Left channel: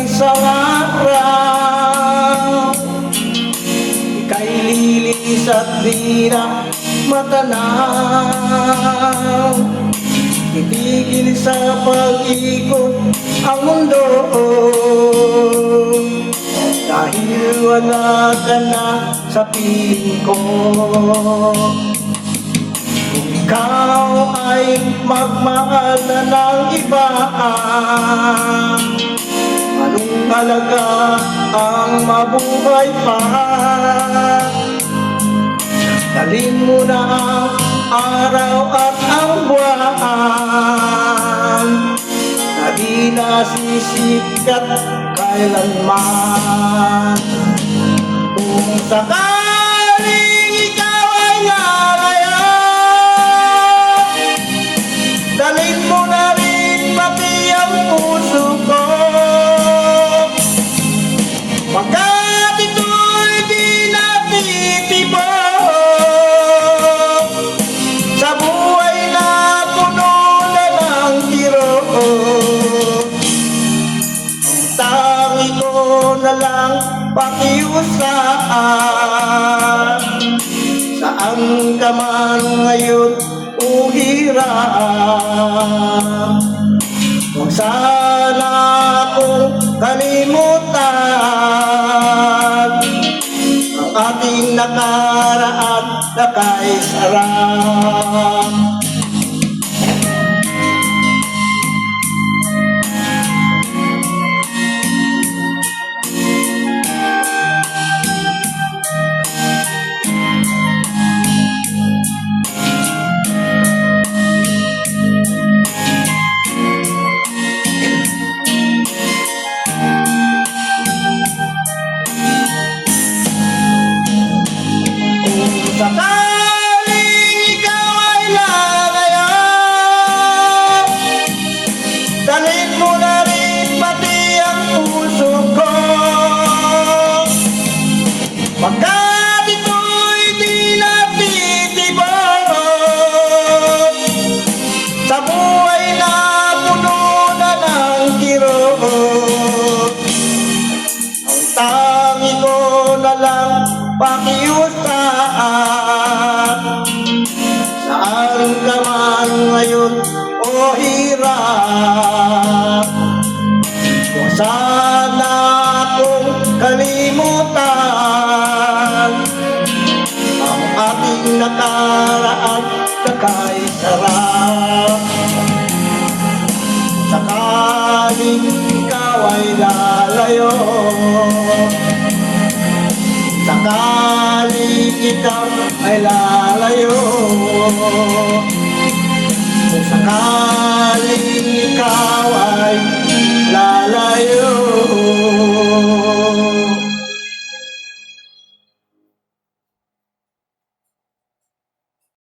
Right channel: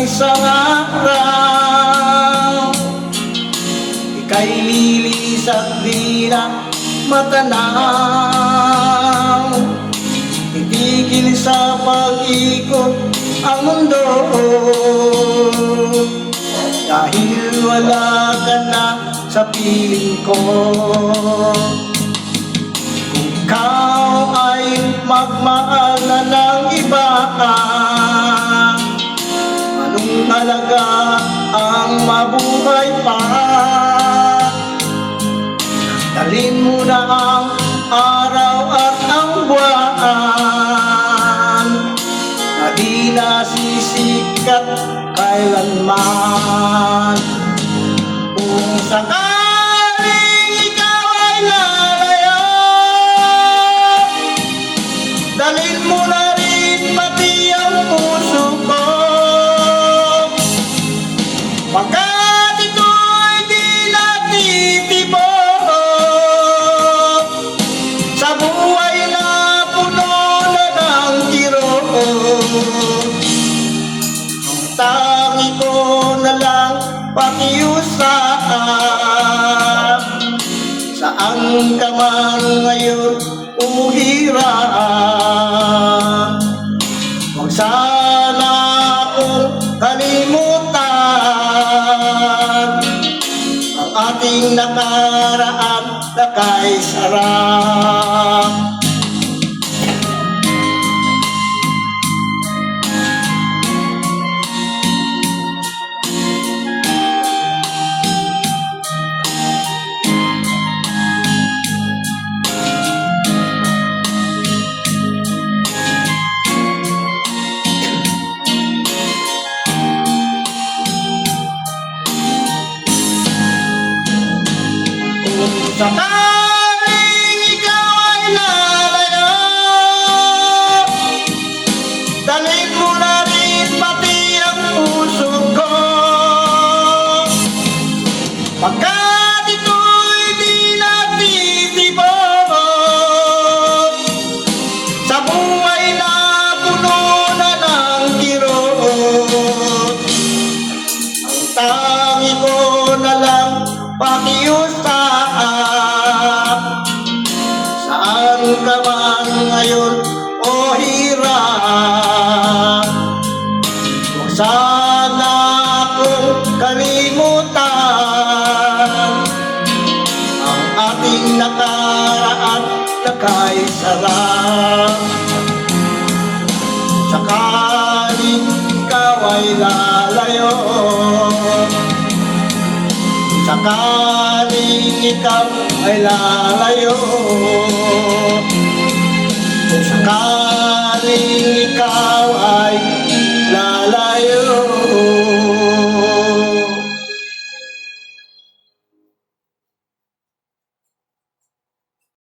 isang araw ika'y lilis at di na matanaw. Titigil sa pag-ikot ang mundo dahil wala ka na sa piling ko. Kung ikaw ay magmahal na ng iba, anong halaga ang mabuhay pa? Dalhin mo na ang araw at ang buwan na di nasisikat kailanman. Kung sakaling ikaw ay lalayo, dalhin mo na rin pati ang puso ko. Pagkat ito'y di natitibok sa buhay na puno na ng kirot, ang tangi ko na lang pakiusap. Saan ka man ngayon o hirap, huwag sana akong kalimutan ang ating nakaraan na kay sarap. Sakaling ikaw ay lalayo, dalhin mo na rin pati ang puso ko. Pagkat ito'y di natitibok sa buhay na puno na ng kirot, ang tangi ko na lang pakiusap. Saan ka man ngayon o hirap, huwag sana akong kalimutan ang ating nakaraan na kay sarap. Sakaling ikaw ay lalayo, sakaling ikaw ay lalayo, kung sakaling ikaw